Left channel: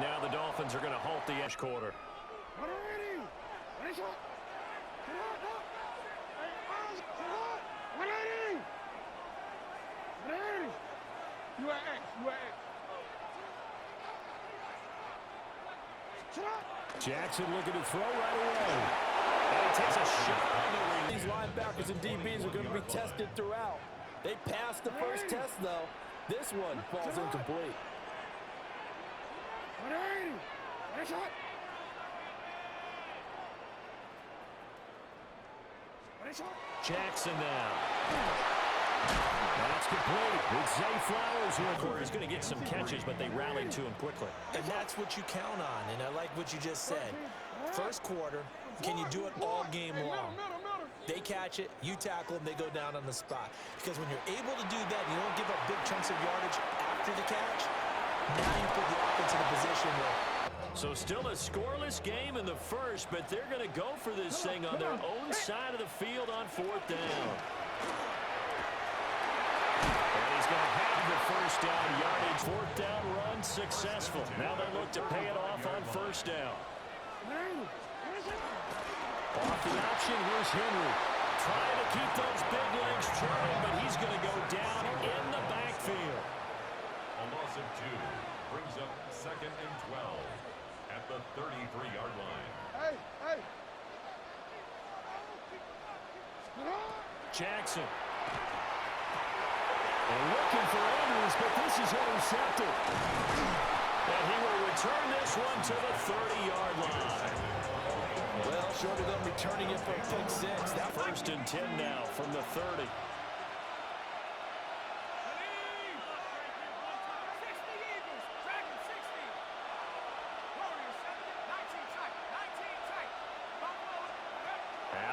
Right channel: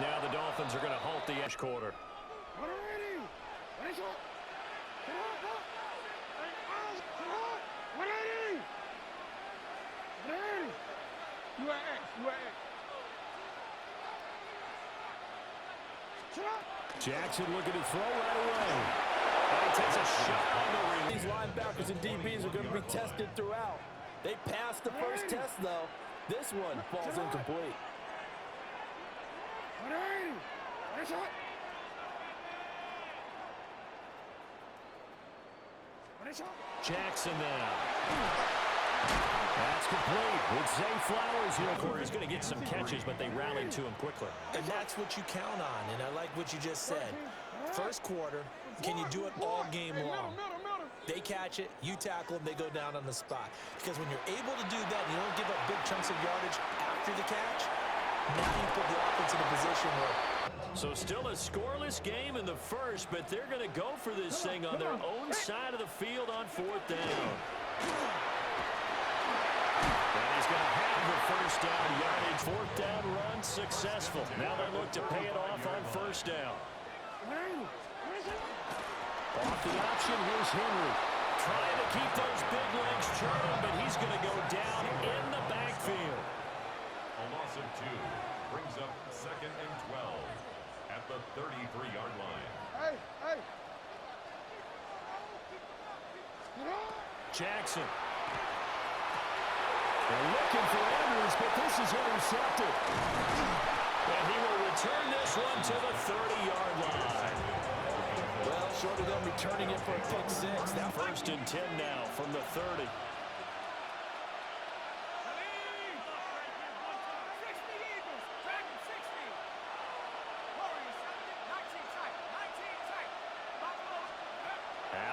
Now the Dolphins are going to halt the edge quarter. Jackson looking to throw right away. And he takes a shot on the release. These linebackers and DBs are going to be tested throughout. They passed the first test, though. This one falls incomplete. Jackson now. That's complete with Zay Flowers here. He's going to get some catches, but they rallied to him quickly. And that's what you count on, and I like what you just said. First quarter, can you do it all game long? They catch it, you tackle them, they go down on the spot. Because when you're able to do that, you don't give up big chunks of yardage after the catch, now you put the offense in a position where... So still a scoreless game in the first, but they're going to go for this thing on their own side of the field on fourth down. And he's going to have the first down yardage. Fourth down run successful. Now they look to pay it off on first down. Off the option, here's Henry. Trying to keep those big legs churning, but he's going to go down in the backfield. A loss of 2 brings up 2nd and 12 at the 33-yard line. Jackson. They're looking for Andrews, but this is intercepted. And he will return this one to the 30-yard line. Well, short of them returning it for a pick 6. That 1st and 10 now from the 30.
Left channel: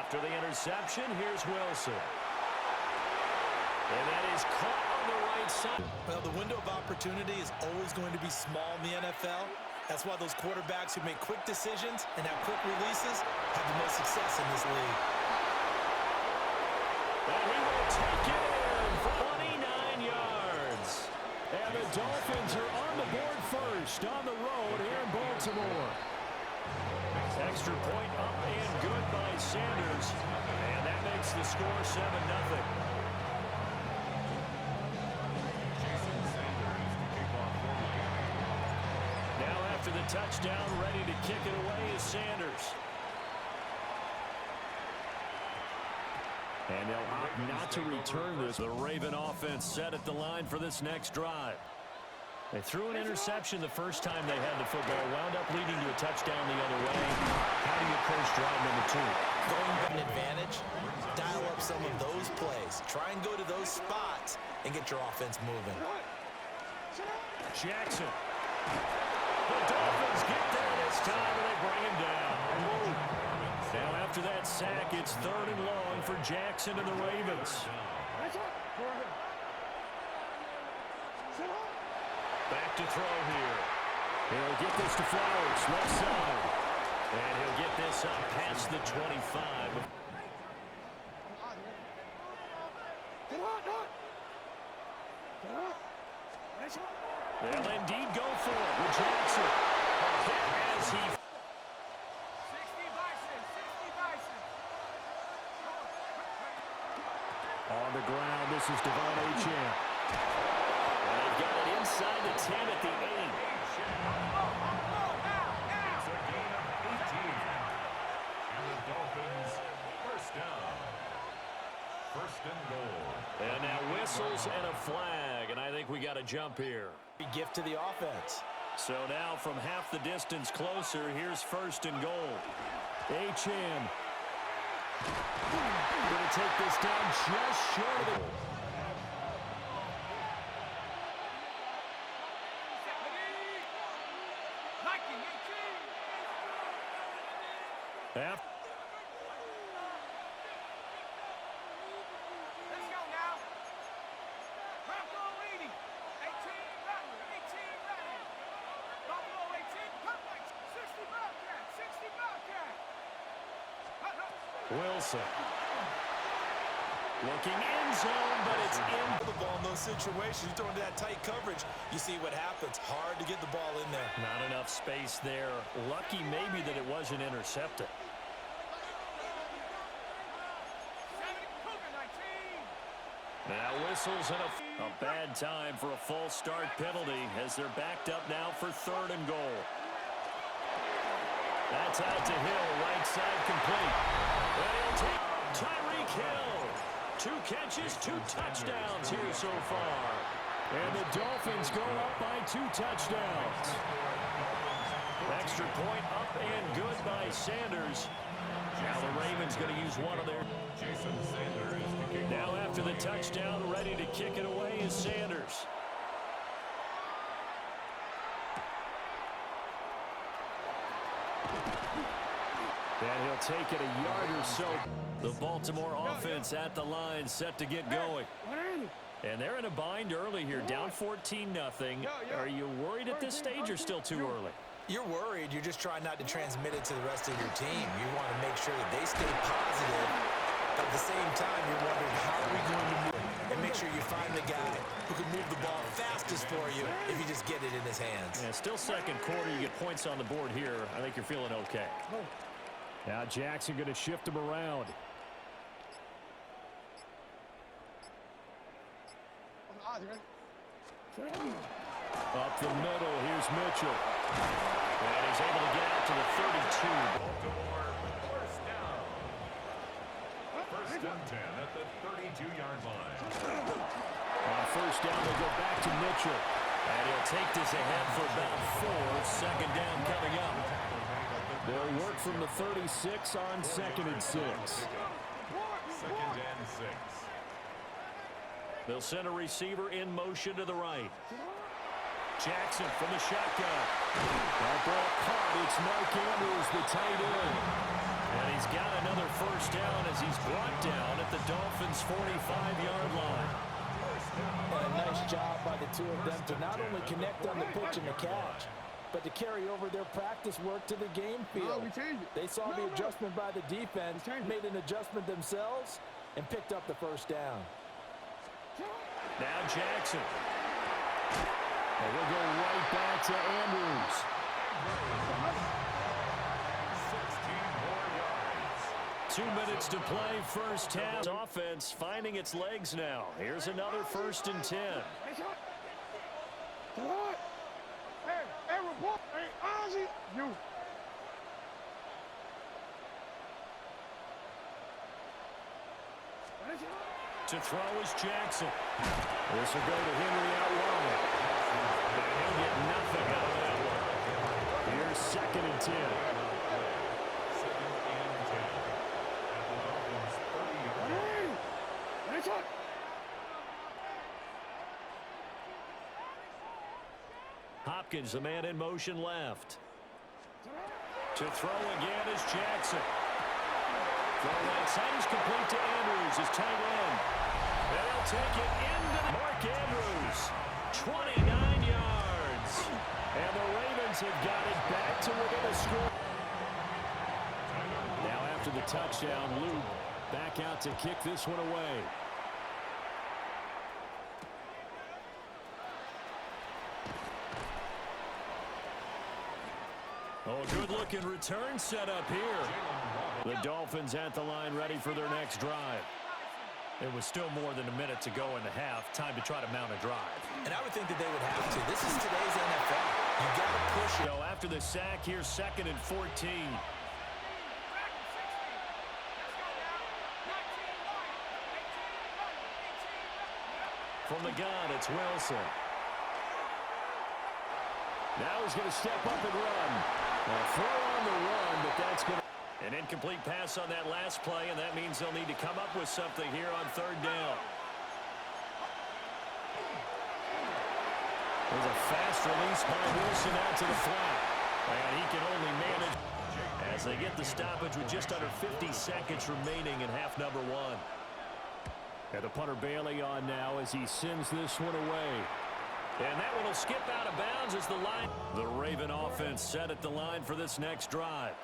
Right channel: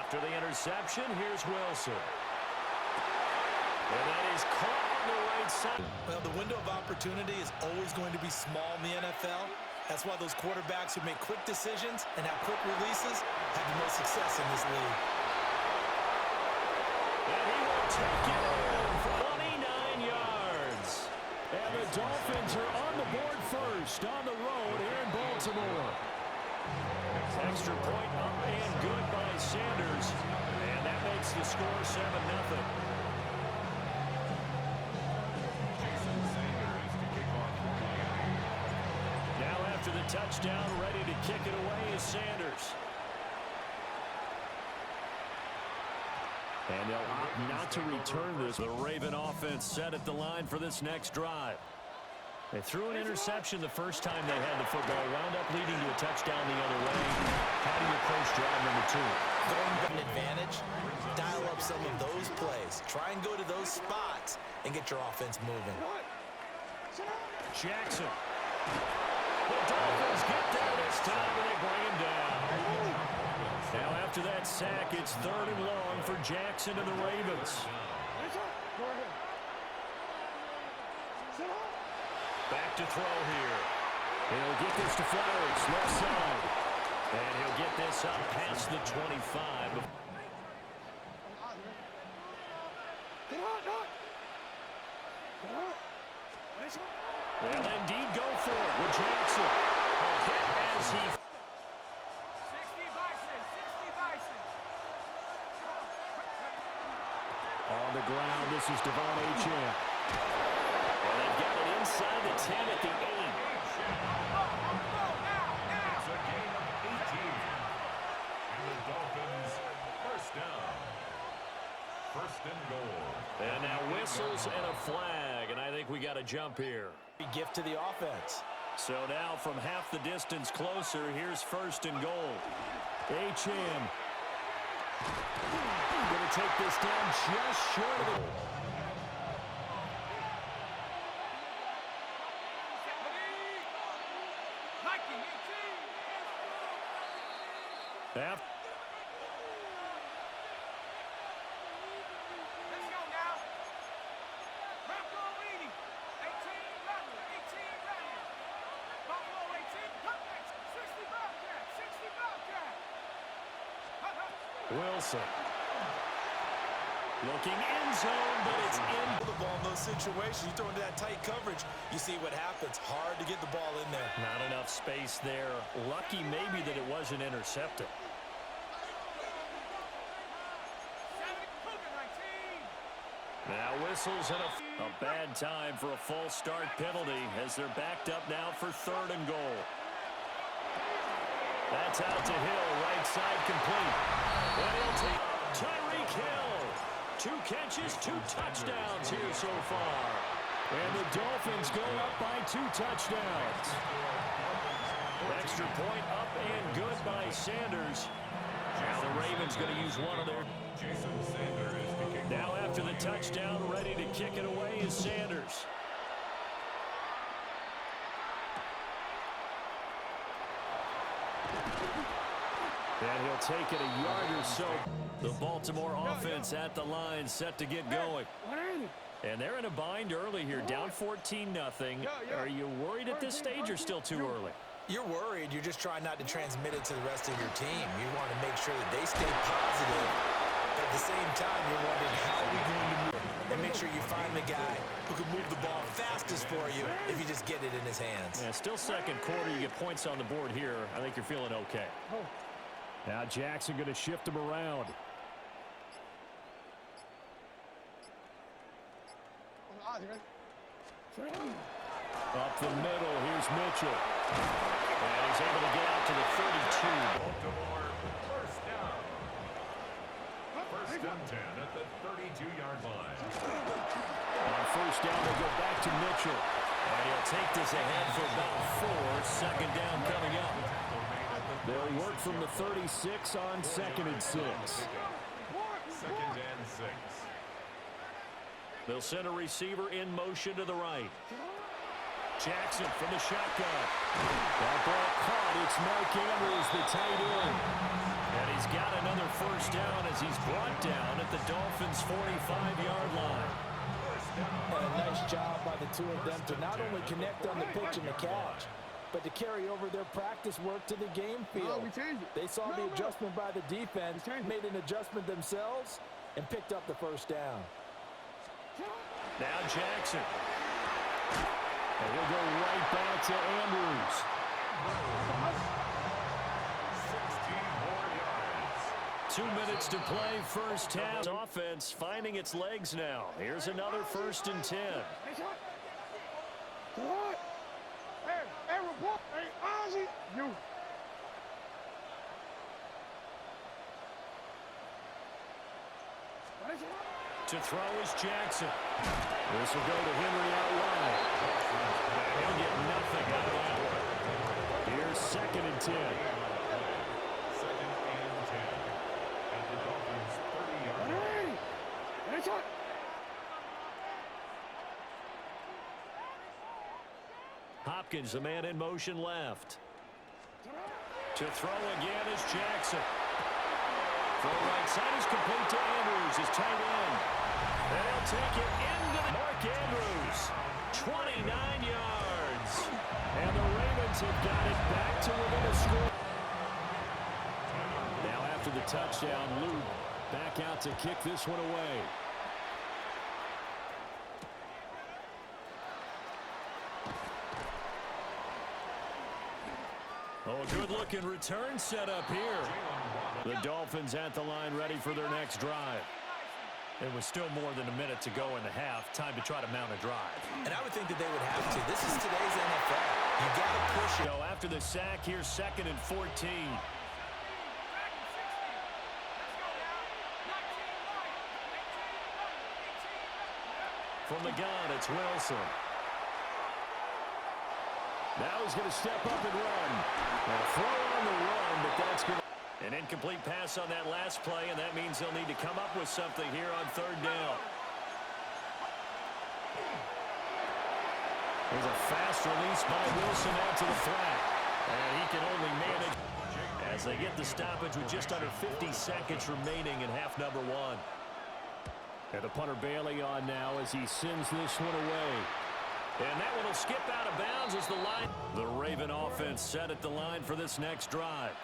After the interception, here's Wilson. And that is caught on the right side. Well, the window of opportunity is always going to be small in the NFL. That's why those quarterbacks who make quick decisions and have quick releases have the most success in this league. And he will take it in for 29 yards. And the Dolphins are on the board first on the road here in Baltimore. Extra point up and good by Sanders. And that makes the score 7-0. Now after the touchdown, ready to kick it away is Sanders. And they'll opt not to return this. The Raven offense set at the line for this next drive. They threw an interception the first time they had the football, wound up leading to a touchdown the other way. How do you approach drive number 2? Going back an advantage, dial up some of those plays. Try and go to those spots and get your offense moving. Jackson. The Dolphins get there this time, and they bring him down. Now, after that sack, it's 3rd and long for Jackson and the Ravens. Back to throw here. He'll get this to Flowers, left side. And he'll get this up past the 25. They'll indeed go for it with Jackson. A hit as he... 60 Bison, 60 Bison. On the ground, this is Devon Achane. And they've got it inside the 10 at the 8. It's a gain of 18. And the Dolphins, first down. 1st and goal. And now whistles and a flag, and I think we got a jump here. Big gift to the offense. So now from half the distance closer, here's 1st and goal. Achane going to take this down just short of the... After Let's go now. Bronco 80. 18 Rattler. 18 Rattler. Buffalo 18. Cutlass. 60 Bobcat. 60 Bobcat. Wilson. Looking end zone, but it's in. The ball in those situation. You throw into that tight coverage, you see what happens. Hard to get the ball in there. Not enough space there. Lucky maybe that it wasn't intercepted. Now whistles and a bad time for a false start penalty as they're backed up now for 3rd and goal. That's out to Hill, right side complete. And he'll take Tyreek Hill. 2 catches, 2 touchdowns here so far. And the Dolphins go up by 2 touchdowns. Extra point up and good by Sanders. Now the Ravens going to use one of their. Jason Sanders to kick. Now after the touchdown, ready to kick it away is Sanders. And he'll take it a yard or so. The Baltimore offense at the line, set to get going. And they're in a bind early here, down 14-0. Are you worried at this stage or still too early? You're worried. You're just trying not to transmit it to the rest of your team. You want to make sure that they stay positive, but at the same time, you're wondering how are we going to move and make sure you find the guy who can move the ball fastest for you if you just get it in his hands. Yeah, still second quarter. You get points on the board here. I think you're feeling okay. Now Jackson going to shift him around. Up the middle, here's Mitchell. And he's able to get out to the 32. Baltimore, first down. First and 10 at the 32-yard line. On first down, they go back to Mitchell. And he'll take this ahead for about 4. Second down coming up. They'll work from the 36 on 2nd and 6. 2nd and 6. They'll send a receiver in motion to the right. Jackson from the shotgun. That ball caught. It's Mark Andrews, the tight end. And he's got another first down as he's brought down at the Dolphins' 45-yard line. And a nice job by the two of them to not only connect on the pitch and the catch, but to carry over their practice work to the game field. They saw the adjustment by the defense, made an adjustment themselves, and picked up the first down. Now Jackson. And he'll go right back to Andrews. 16 more yards. 2 minutes to play, first half. Offense finding its legs now. Here's another 1st and 10. Hey, report. Hey, Ozzy. You. To throw is Jackson. This will go to Henry out wide. And he'll get nothing out of that one. Here's 2nd and 10. 2nd and 10 at the Dolphins' 30-yard line. Hopkins, the man in motion left. To throw again is Jackson. Throw right side is complete to Andrews, his tight end. And he'll take it into Mark Andrews. 29 yards. And the Ravens have got it back to within a score. Now after the touchdown, Luke back out to kick this one away. Oh, good-looking return set up here. The Dolphins at the line ready for their next drive. It was still more than a minute to go in the half. Time to try to mount a drive. And I would think that they would have to. This is today's NFL. You got to push it. So after the sack, here's 2nd and 14. From the gun, it's Wilson. Now he's going to step up and run. Now throw on the run, but that's going to... An incomplete pass on that last play, and that means they'll need to come up with something here on 3rd down. There's a fast release by Wilson out to the flat. And he can only manage as they get the stoppage with just under 50 seconds remaining in half number 1. And the punter Bailey on now as he sends this one away. And that one will skip out of bounds as the Raven offense set at the line for this next drive.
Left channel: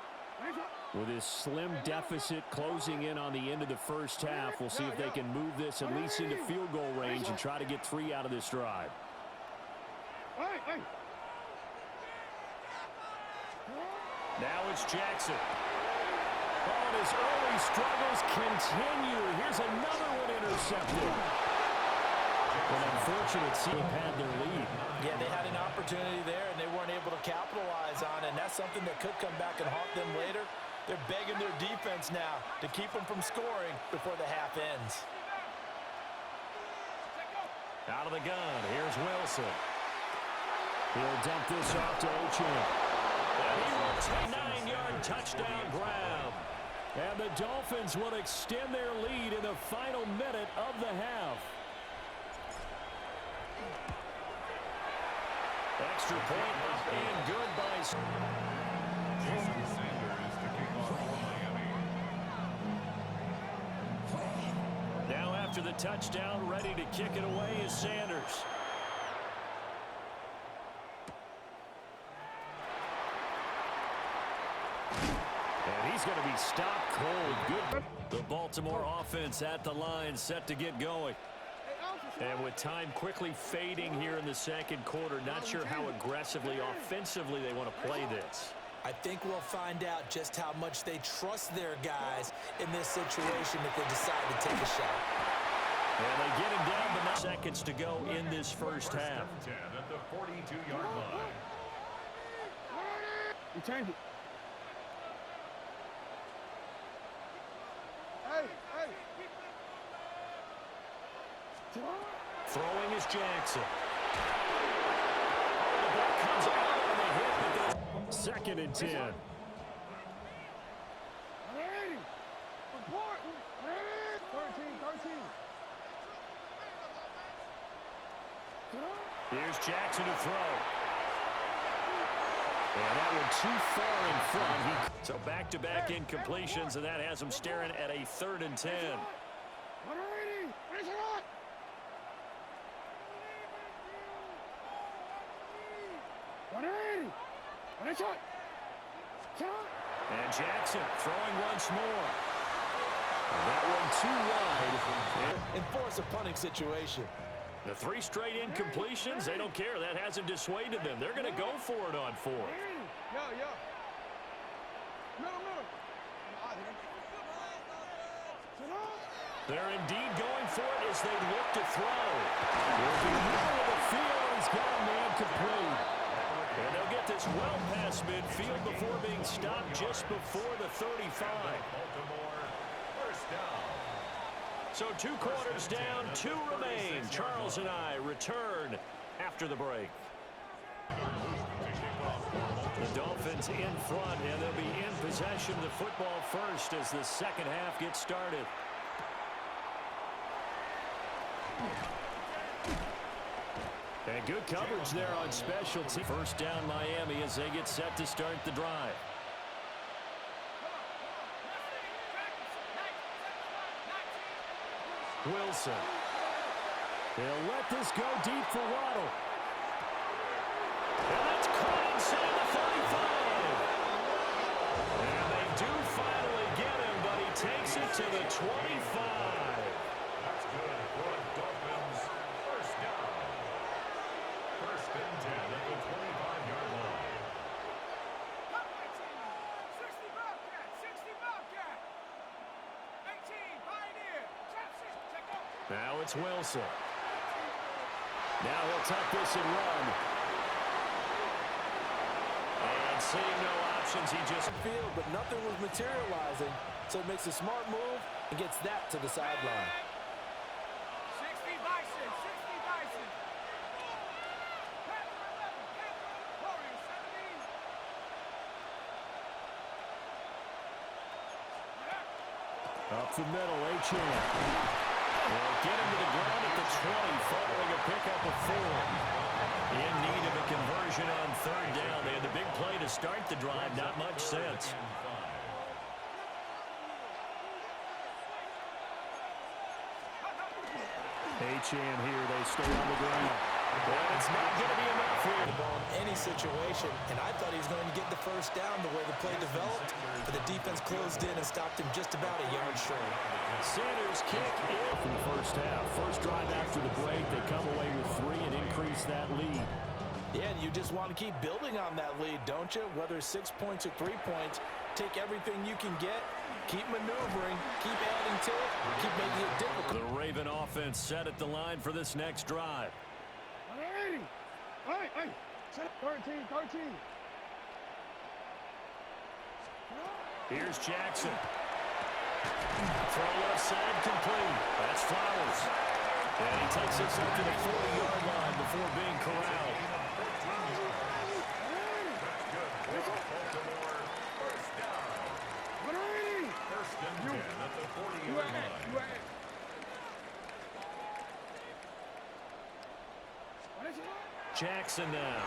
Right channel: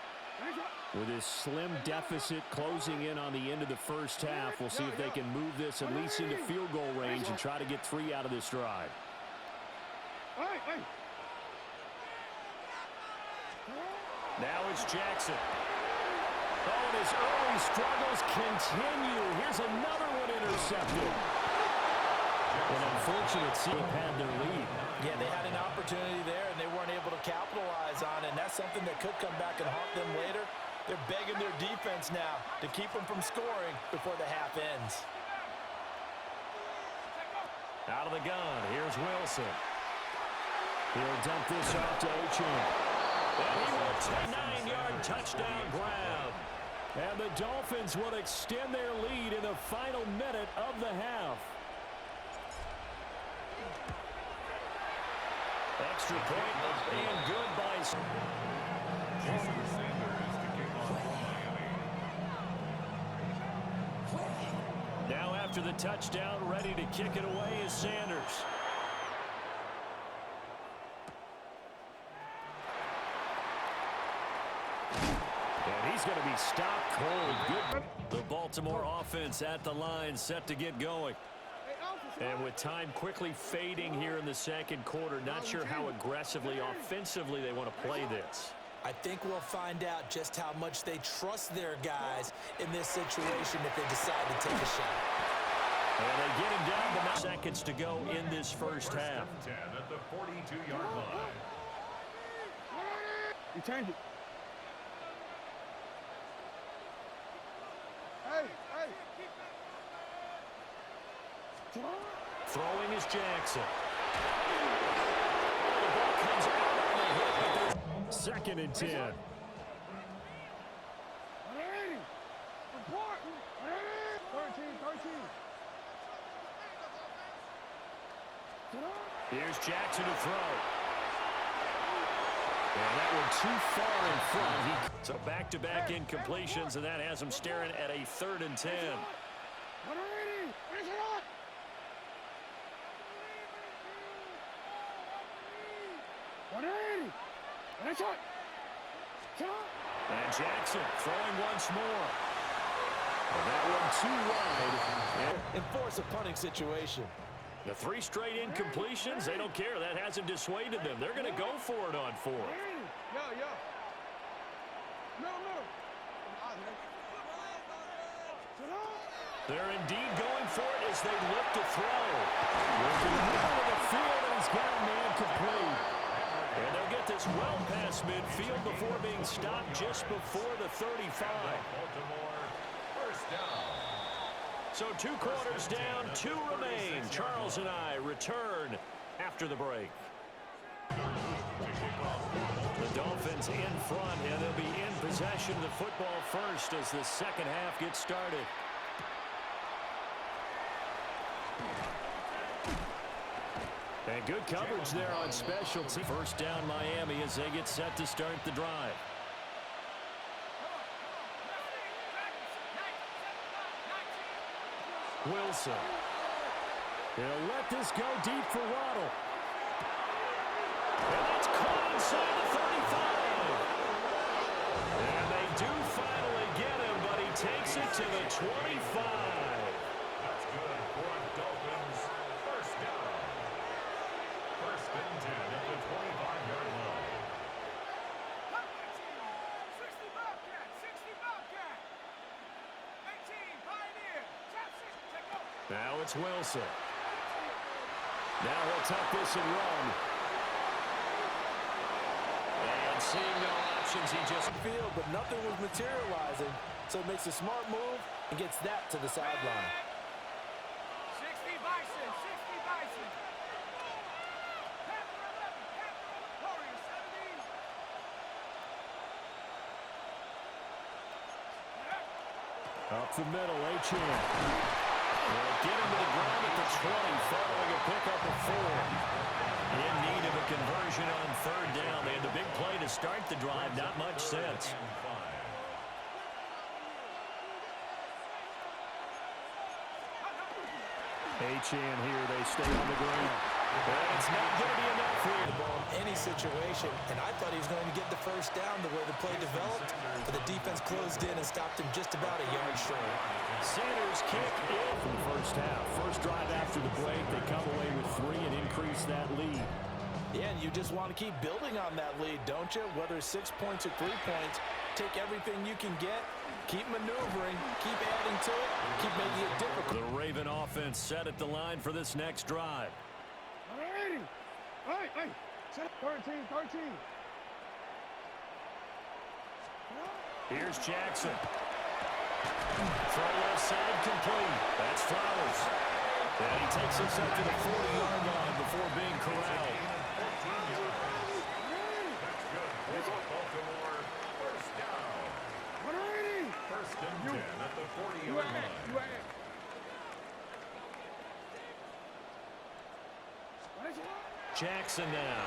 With his slim deficit closing in on the end of the first half, we'll see if they can move this at least into field goal range and try to get 3 out of this drive. Now it's Jackson. Oh, and his early struggles continue. Here's another one intercepted. An unfortunate team had their lead. Yeah, they had an opportunity there, and they weren't able to capitalize on it, and that's something that could come back and haunt them later. They're begging their defense now to keep them from scoring before the half ends. Out of the gun, here's Wilson. He'll dump this off to Achane. And he will take a 9-yard touchdown grab. And the Dolphins will extend their lead in the final minute of the half. Extra point up and good by Jason Sanders to kick off for Miami. Now after the touchdown, ready to kick it away is Sanders. And he's going to be stopped cold. Good. The Baltimore offense at the line, set to get going. And with time quickly fading here in the second quarter, not sure how aggressively, offensively they want to play this. I think we'll find out just how much they trust their guys in this situation if they decide to take a shot. And they get him down, but 9 seconds to go in this first half. 10 at the 42-yard line. You change it. Hey. Throwing is Jackson. Oh, the ball comes out on the hit, but there's 2nd and 10. Report. 13. Here's Jackson to throw. And that one too far in front. So back-to-back incompletions, and that has him staring at a 3rd and 10. And Jackson throwing once more. And that one too wide. Enforce a punting situation. The 3 straight incompletions, they don't care. That hasn't dissuaded them. They're going to go for it on 4th. They're indeed going for it as they look to throw. Working the middle of the field, and he's got a man complete. And they'll get this well past midfield before being stopped just before the 35. Baltimore, first down. So 2 quarters down, 2 remain. Charles and I return after the break. The Dolphins in front, and they'll be in possession of the football first as the second half gets started. And good coverage there on specialty. First down Miami as they get set to start the drive. Wilson. He'll let this go deep for Waddle. And that's caught inside the 35. And they do finally get him, but he takes it to the 25. That's good for a Dolphins first down. 1st and 10 at the 25-yard line. 60 Bobcat. 18 Pioneer. Tap 6. Take off. Now it's Wilson. Now he'll tuck this and run. And seeing no options, he just Field, but nothing was materializing, so it makes a smart move and gets that to the sideline. 60 Bison. Panther 11. Warrior 17. up the middle, Achane. They'll get him to the ground at the 20, following a pickup of 4. In need of a conversion on 3rd down. They had the big play to start the drive, not much sense. Achane here, they stay on the ground. And it's not going to be enough here. The ball in any situation, and I thought he was going to get the first down the way the play developed, but the defense closed in and stopped him just about a yard short. Sanders kick in from the first half. First drive after the break, they come away with 3 and increase that lead. Yeah, and you just want to keep building on that lead, don't you? Whether 6 points or 3 points, take everything you can get, keep maneuvering, keep adding to it, keep making it difficult. The Raven offense set at the line for this next drive. 180. Hey, set up 13. Here's Jackson. Throw left side complete. That's Flowers. And he takes us up to the 40-yard line before being corralled. That's good for Baltimore. First down. 180. First and 10 at the 40-yard line. Jackson now.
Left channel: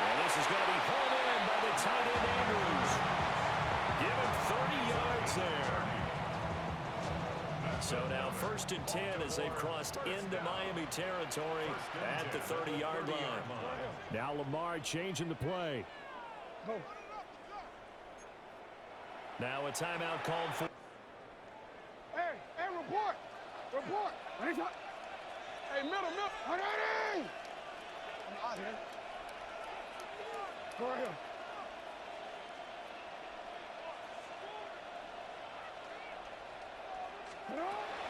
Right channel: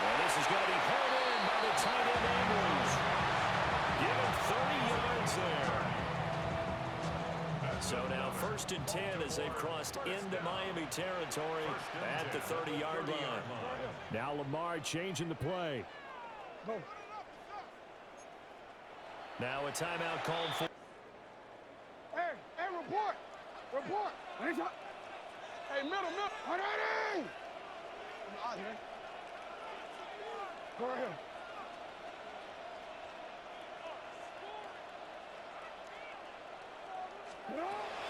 And this is going to be hauled in by the tight end Andrews. Give him 30 yards there. So now first and 10 as they've crossed into Miami territory at the 30-yard line. Now Lamar changing the play. Go. Now a timeout called for. Hey, report. Hey, middle. 180. I'm out here. Go right here.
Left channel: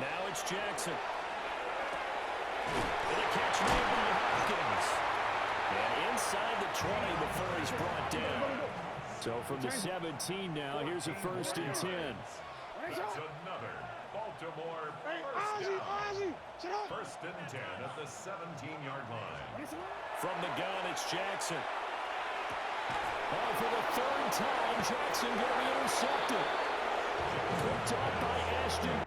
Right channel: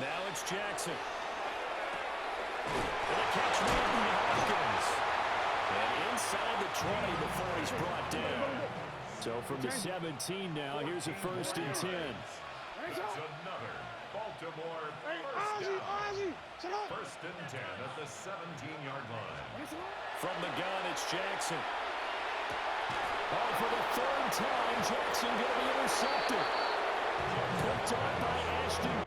Now it's Jackson. And the catch made by Hopkins. And inside the 20 before he's brought down. So from the 17 now, here's a first and 10. That's another Baltimore first down. First and 10 at the 17-yard line. From the gun, it's Jackson. Oh, for the third time, Jackson going to be intercepted. Picked off by Ashton.